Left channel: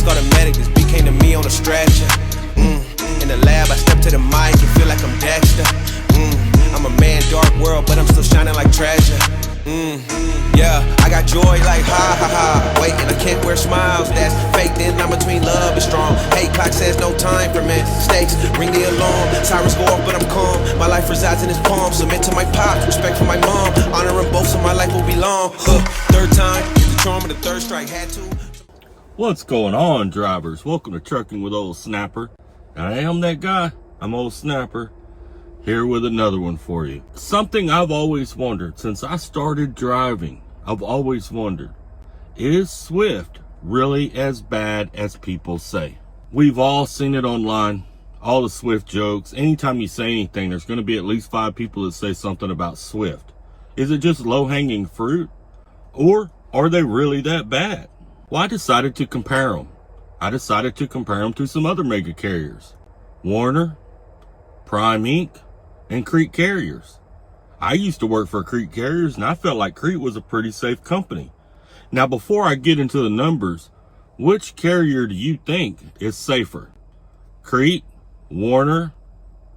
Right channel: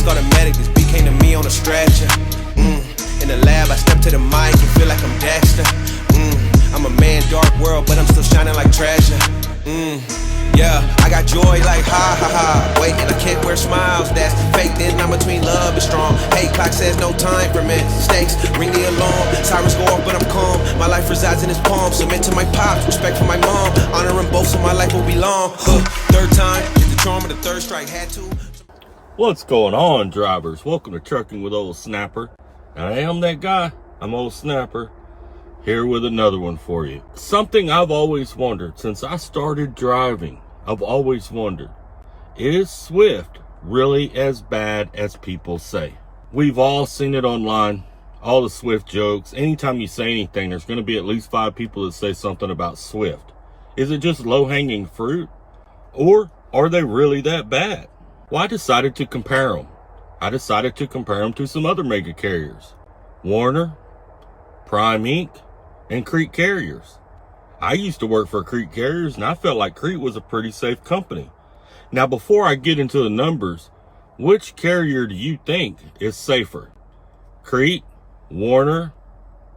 Please call the medic, this beat came to me on a stretcher. In the lab, I step to the mic and feel like I'm Dexter. I'm a man, dark world, but I'm still shining like treasure. Yeah, I got joy like ha ha ha. Wait, and I can't wear smiles, that's fake. Then I'm between love and strong. Hate clock says no time for mistakes. Ring the alarm, sirens go off, but I'm calm. My life resides in his palm. Submit to my pops, respect for my mom. Honoring both, so my life will be long. Third time, get the charm of the third strike. Had to. What's going on, drivers? Welcome to Trucking with Old Snapper. I am that guy. I'm Old Snapper. Here with another one for you. Something I've always wondered since I started driving. I've always wondered, is Swift really as bad as people say? We've all seen it online, all the Swift jokes. Anytime you say anything, there's going to be at least 5 people that say something about Swift. Is it just low-hanging fruit? Or are they really that bad? Well, I decided to compare them. I decided to compare them to some other mega carriers. Werner, Prime Inc, and Crete Carriers. I used to work for Crete Carriers, and I felt like Crete was a pretty safe company. Now, before I get into the numbers, which carrier do you think is safer? Crete, Werner,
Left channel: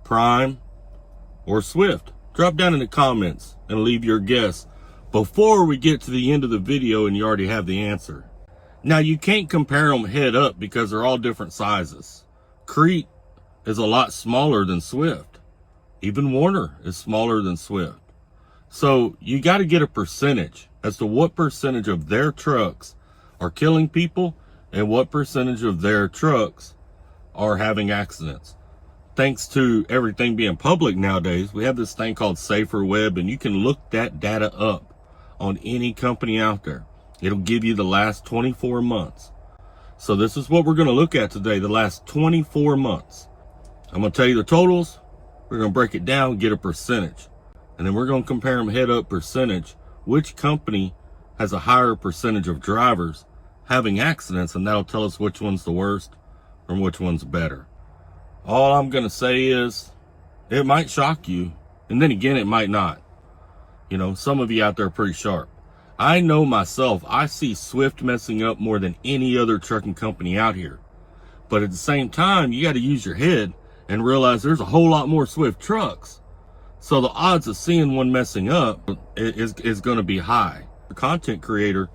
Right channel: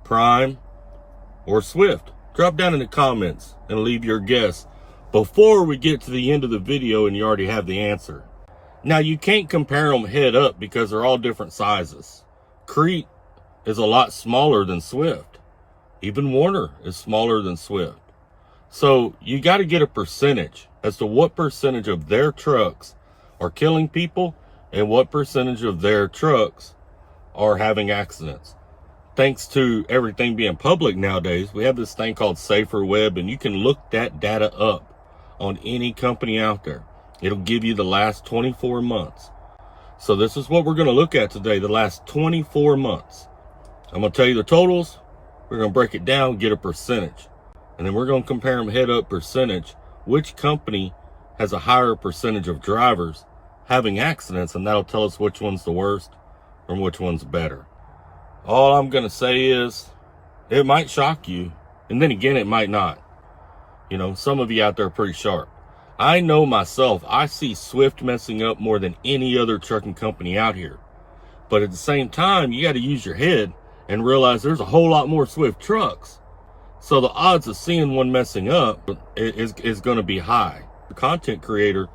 Prime, or Swift? Drop down in the comments and leave your guess before we get to the end of the video and you already have the answer. Now, you can't compare them head up because they're all different sizes. Crete is a lot smaller than Swift. Even Werner is smaller than Swift. So you got to get a percentage as to what percentage of their trucks are killing people and what percentage of their trucks are having accidents. Thanks to everything being public nowadays, we have this thing called Safer Web, and you can look that data up on any company out there. It'll give you the last 24 months. So this is what we're going to look at today, the last 24 months. I'm going to tell you the totals. We're going to break it down, get a percentage. And then we're going to compare them head up percentage. Which company has a higher percentage of drivers having accidents, and that'll tell us which one's the worst and which one's better. All I'm going to say is it might shock you, and then again, it might not. You know, some of you out there are pretty sharp. I know myself, I see Swift messing up more than any other trucking company out here. But at the same time, you got to use your head and realize there's a whole lot more Swift trucks. So the odds of seeing one messing up is going to be high. The content creator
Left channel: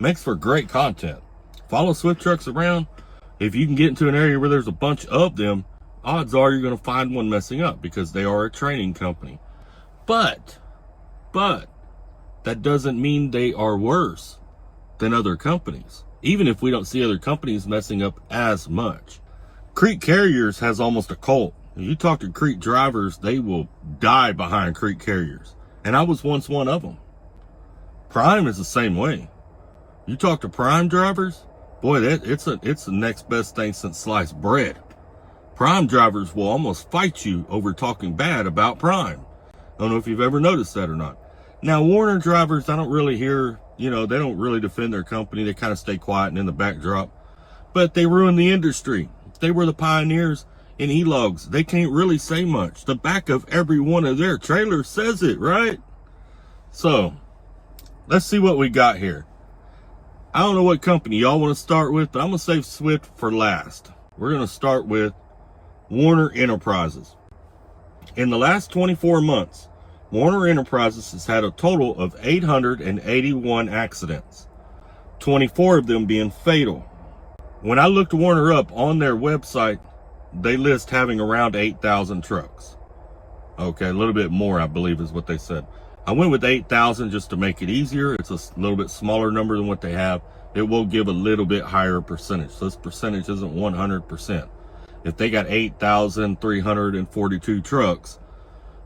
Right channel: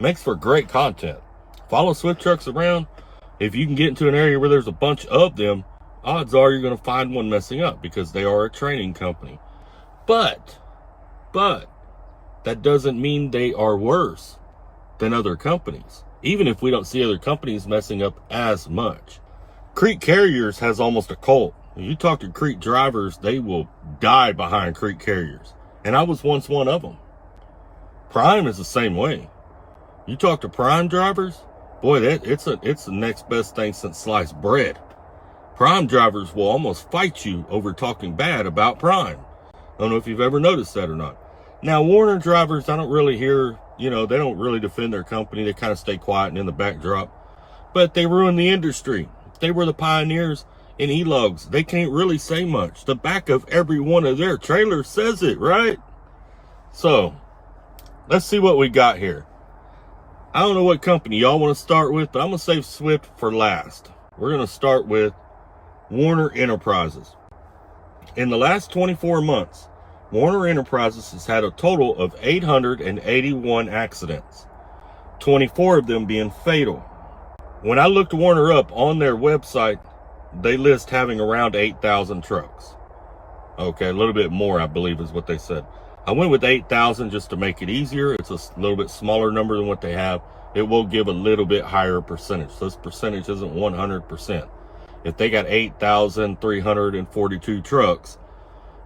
makes for great content. Follow Swift trucks around. If you can get into an area where there's a bunch of them, odds are you're going to find one messing up because they are a training company. But that doesn't mean they are worse than other companies, even if we don't see other companies messing up as much. Crete Carriers has almost a cult. If you talk to Crete drivers, they will die behind Crete Carriers. And I was once one of them. Prime is the same way. You talk to Prime drivers, boy, it's the next best thing since sliced bread. Prime drivers will almost fight you over talking bad about Prime. I don't know if you've ever noticed that or not. Now, Werner drivers, I don't really hear, they don't really defend their company. They kind of stay quiet and in the backdrop. But they ruin the industry. They were the pioneers in e-logs. They can't really say much. The back of every one of their trailers says it, right? So, let's see what we got here. I don't know what company y'all want to start with, but I'm going to save Swift for last. We're going to start with Werner Enterprises. In the last 24 months, Werner Enterprises has had a total of 881 accidents, 24 of them being fatal. When I looked Werner up on their website, they list having around 8,000 trucks. Okay, a little bit more, I believe, is what they said. I went with 8,000 just to make it easier. It's a little bit smaller number than what they have. It will give a little bit higher percentage. So this percentage isn't 100%. If they got 8,342 trucks,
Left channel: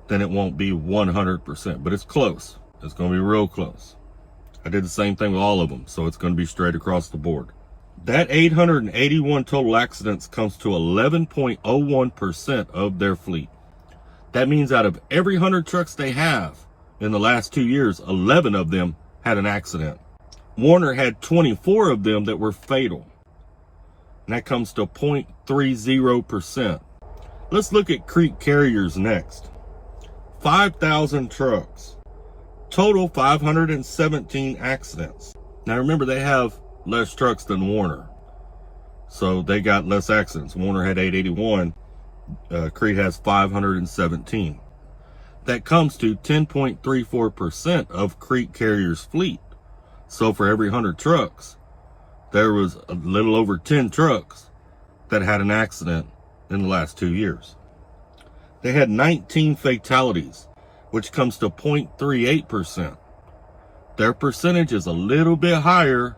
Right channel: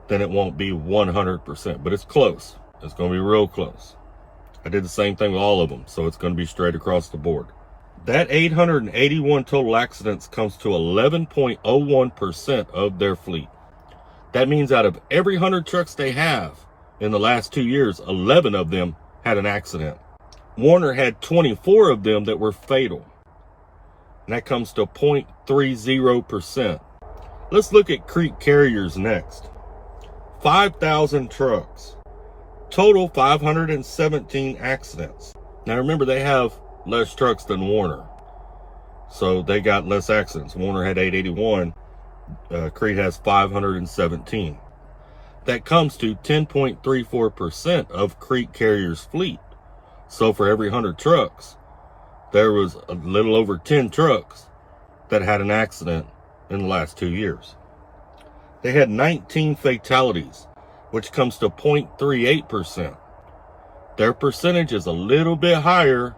then it won't be 100%, but it's close. It's going to be real close. I did the same thing with all of them, so it's going to be straight across the board. That 881 total accidents comes to 11.01% of their fleet. That means out of every 100 trucks they have in the last 2 years, 11 of them had an accident. Werner had 24 of them that were fatal. And that comes to 0.30%. Let's look at Crete Carriers next. 5,000 trucks. Total 517 accidents. Now remember, they have less trucks than Werner. So they got less accidents. Werner had 881. Crete has 517. That comes to 10.34% of Crete Carriers' fleet. So for every 100 trucks, there was a little over 10 trucks that had an accident in the last 2 years. They had 19 fatalities, which comes to 0.38%. Their percentage is a little bit higher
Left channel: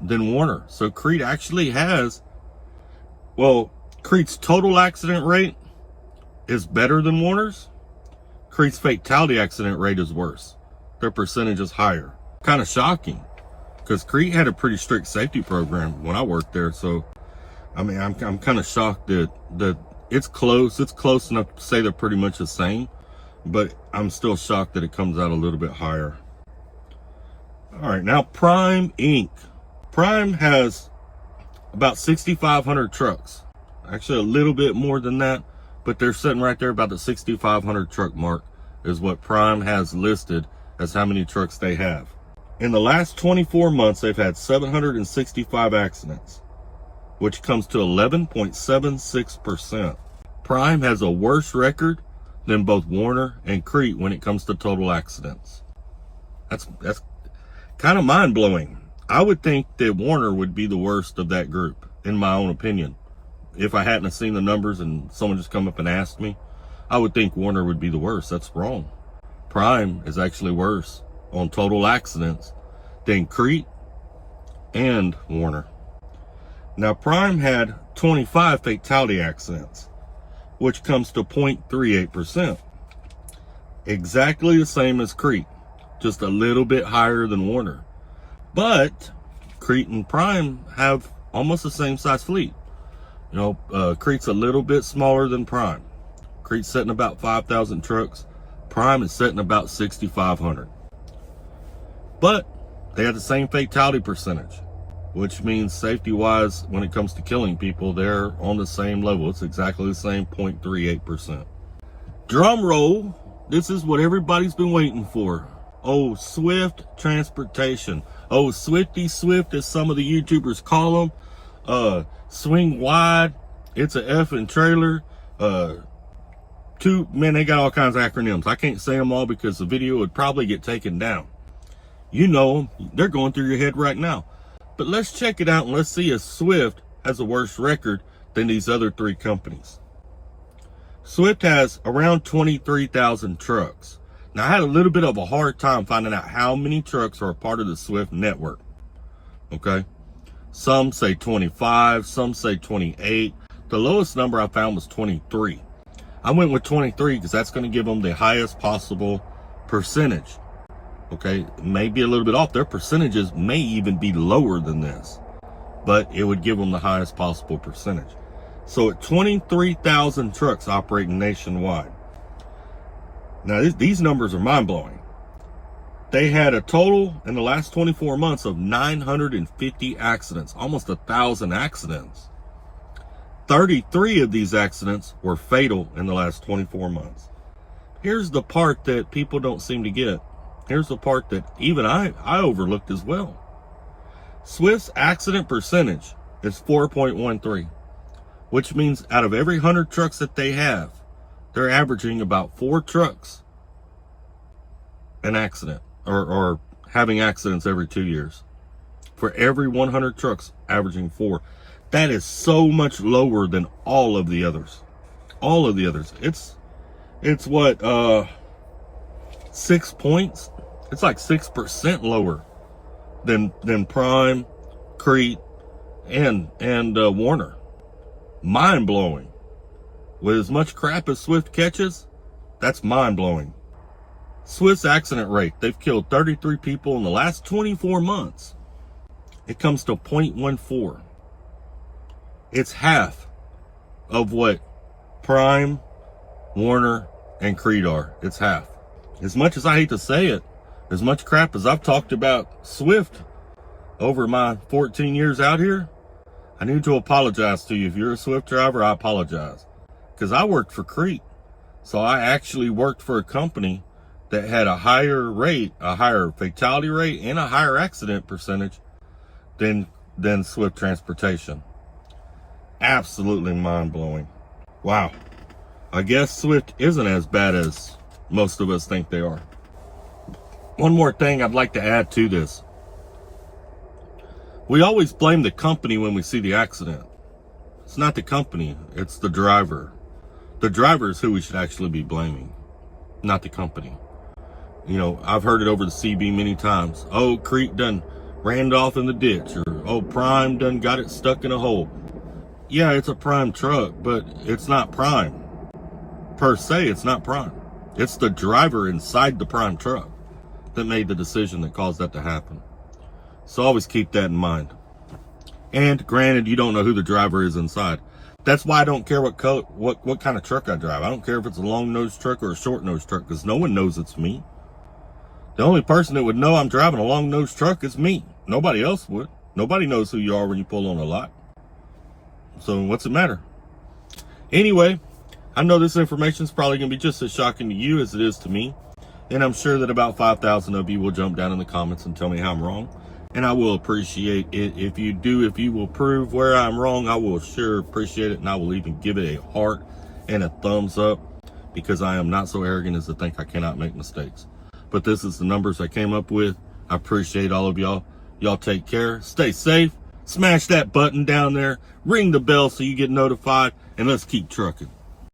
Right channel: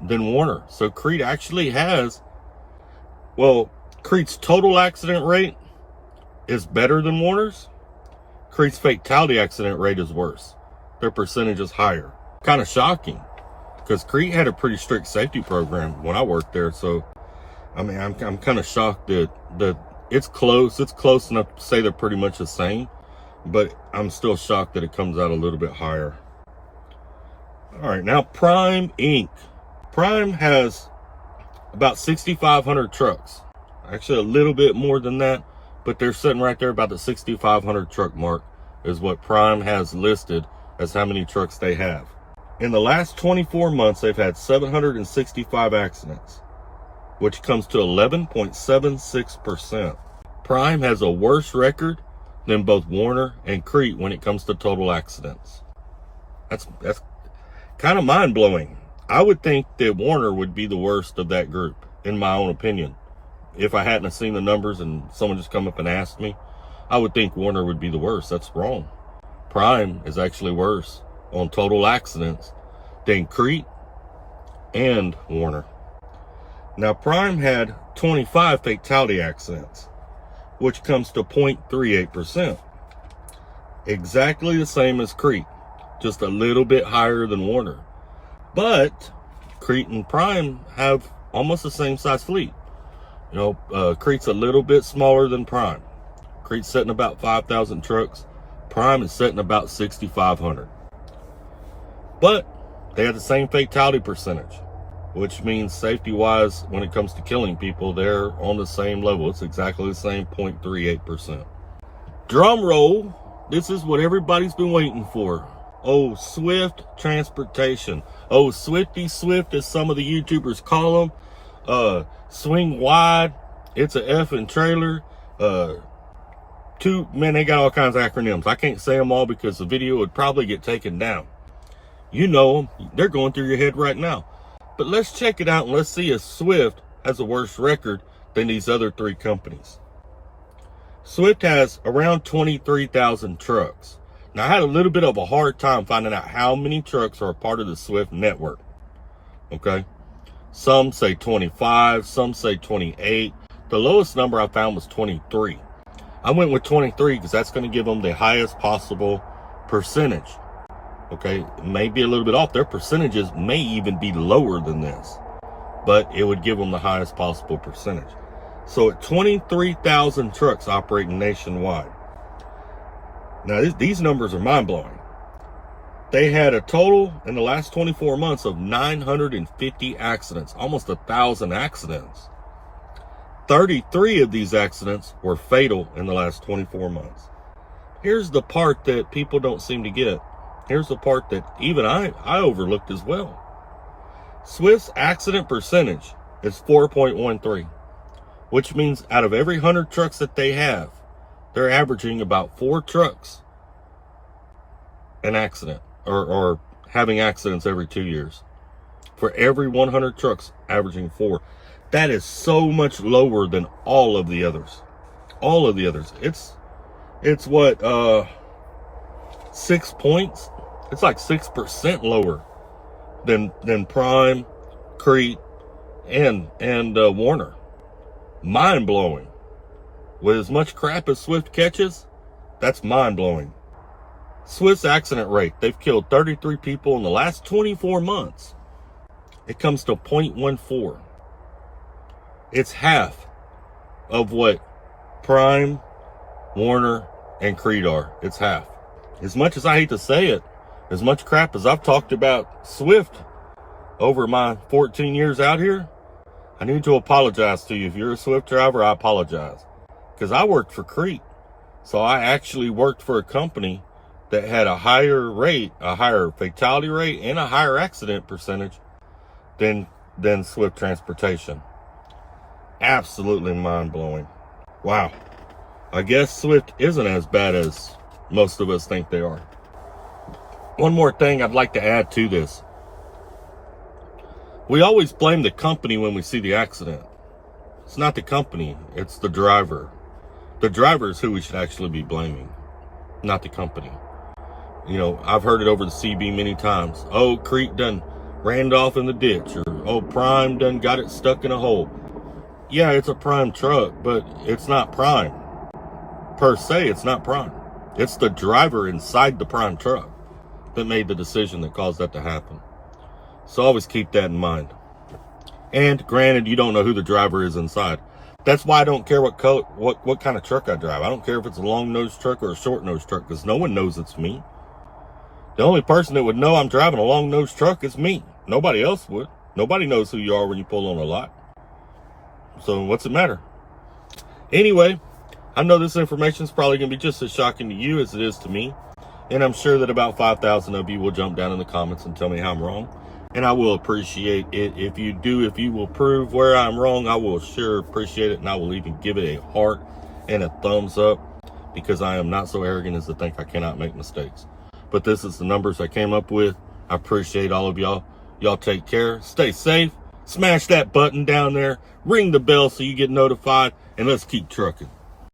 than Werner. So Crete actually has, well, Crete's total accident rate is better than Werner's. Crete's fatality accident rate is worse. Their percentage is higher. Kind of shocking, because Crete had a pretty strict safety program when I worked there. So, I mean, I'm kind of shocked that it's close. It's close enough to say they're pretty much the same, but I'm still shocked that it comes out a little bit higher. All right, now Prime Inc. Prime has about 6,500 trucks. Actually, a little bit more than that, but they're sitting right there about the 6,500 truck mark is what Prime has listed as how many trucks they have. In the last 24 months, they've had 765 accidents, which comes to 11.76%. Prime has a worse record than both Werner and Crete when it comes to total accidents. That's kind of mind-blowing. I would think that Werner would be the worst of that group, in my own opinion. If I hadn't seen the numbers and someone just come up and asked me, I would think Werner would be the worst. That's wrong. Prime is actually worse on total accidents than Crete and Werner. Now, Prime had 25 fatality accidents, which comes to 0.38%. Exactly the same as Crete, just a little bit higher than Werner. But Crete and Prime have almost the same size fleet. You know, Crete's a little bit smaller than Prime. Crete's setting about 5,000 trucks. Prime is setting about 6,500. But they have the same fatality percentage, which means safety-wise, when it comes to killing people, they're on the same level. It's exactly the same, 0.38%. Drum roll. This is what everybody's been waiting for. Oh, Swift Transportation. Oh, Swifty Swift, as some of the YouTubers call them. Swing Wide. It's a effing trailer. Man, they got all kinds of acronyms. I can't say them all because the video would probably get taken down. You know them. They're going through your head right now. But let's check it out and let's see if Swift has a worse record than these other three companies. Swift has around 23,000 trucks. Now, I had a little bit of a hard time finding out how many trucks are a part of the Swift network. Okay? Some say 25, some say 28. The lowest number I found was 23. I went with 23 because that's going to give them the highest possible percentage. Okay? It may be a little bit off. Their percentages may even be lower than this, but it would give them the highest possible percentage. So at 23,000 trucks operating nationwide. Now, these numbers are mind-blowing. They had a total in the last 24 months of 950 accidents, almost 1,000 accidents. 33 of these accidents were fatal in the last 24 months. Here's the part that people don't seem to get. Here's the part that even I overlooked as well. Swift's accident percentage is 4.13, which means out of every 100 trucks that they have, they're averaging about 4 trucks an accident, or having accidents every 2 years. For every 100 trucks, averaging 4. That is so much lower than all of the others. All of the others. It's what, 6 points? It's like 6% lower than Prime, Crete, and Werner. Mind-blowing. With as much crap as Swift catches, that's mind-blowing. Swift's accident rate, they've killed 33 people in the last 24 months. It comes to 0.14. It's half of what Prime, Werner, and Crete are. It's half. As much as I hate to say it, as much crap as I've talked about Swift over my 14 years out here, I need to apologize to you. If you're a Swift driver, I apologize. Because I worked for Crete. So I actually worked for a company that had a higher rate, a higher fatality rate, and a higher accident percentage than Swift Transportation. Absolutely mind-blowing. Wow. I guess Swift isn't as bad as most of us think they are. One more thing I'd like to add to this. We always blame the company when we see the accident. It's not the company, it's the driver. The driver is who we should actually be blaming, not the company. You know, I've heard it over the CB many times. Oh, Crete done ran off in the ditch, or oh, Prime done got it stuck in a hole. Yeah, it's a Prime truck, but it's not Prime. Per se, it's not Prime. It's the driver inside the Prime truck that made the decision that caused that to happen. So always keep that in mind. And granted, you don't know who the driver is inside. That's why I don't care what color, what kind of truck I drive. I don't care if it's a long-nosed truck or a short-nosed truck, because no one knows it's me. The only person that would know I'm driving a long-nosed truck is me. Nobody else would. Nobody knows who you are when you pull on a lot. So what's it matter? Anyway, I know this information is probably going to be just as shocking to you as it is to me. And I'm sure that about 5,000 of you will jump down in the comments and tell me how I'm wrong. And I will appreciate it if you do. If you will prove where I'm wrong, I will sure appreciate it. And I will even give it a heart and a thumbs up, because I am not so arrogant as to think I cannot make mistakes. But this is the numbers I came up with. I appreciate all of y'all. Y'all take care. Stay safe. Smash that button down there. Ring the bell so you get notified. And let's keep trucking.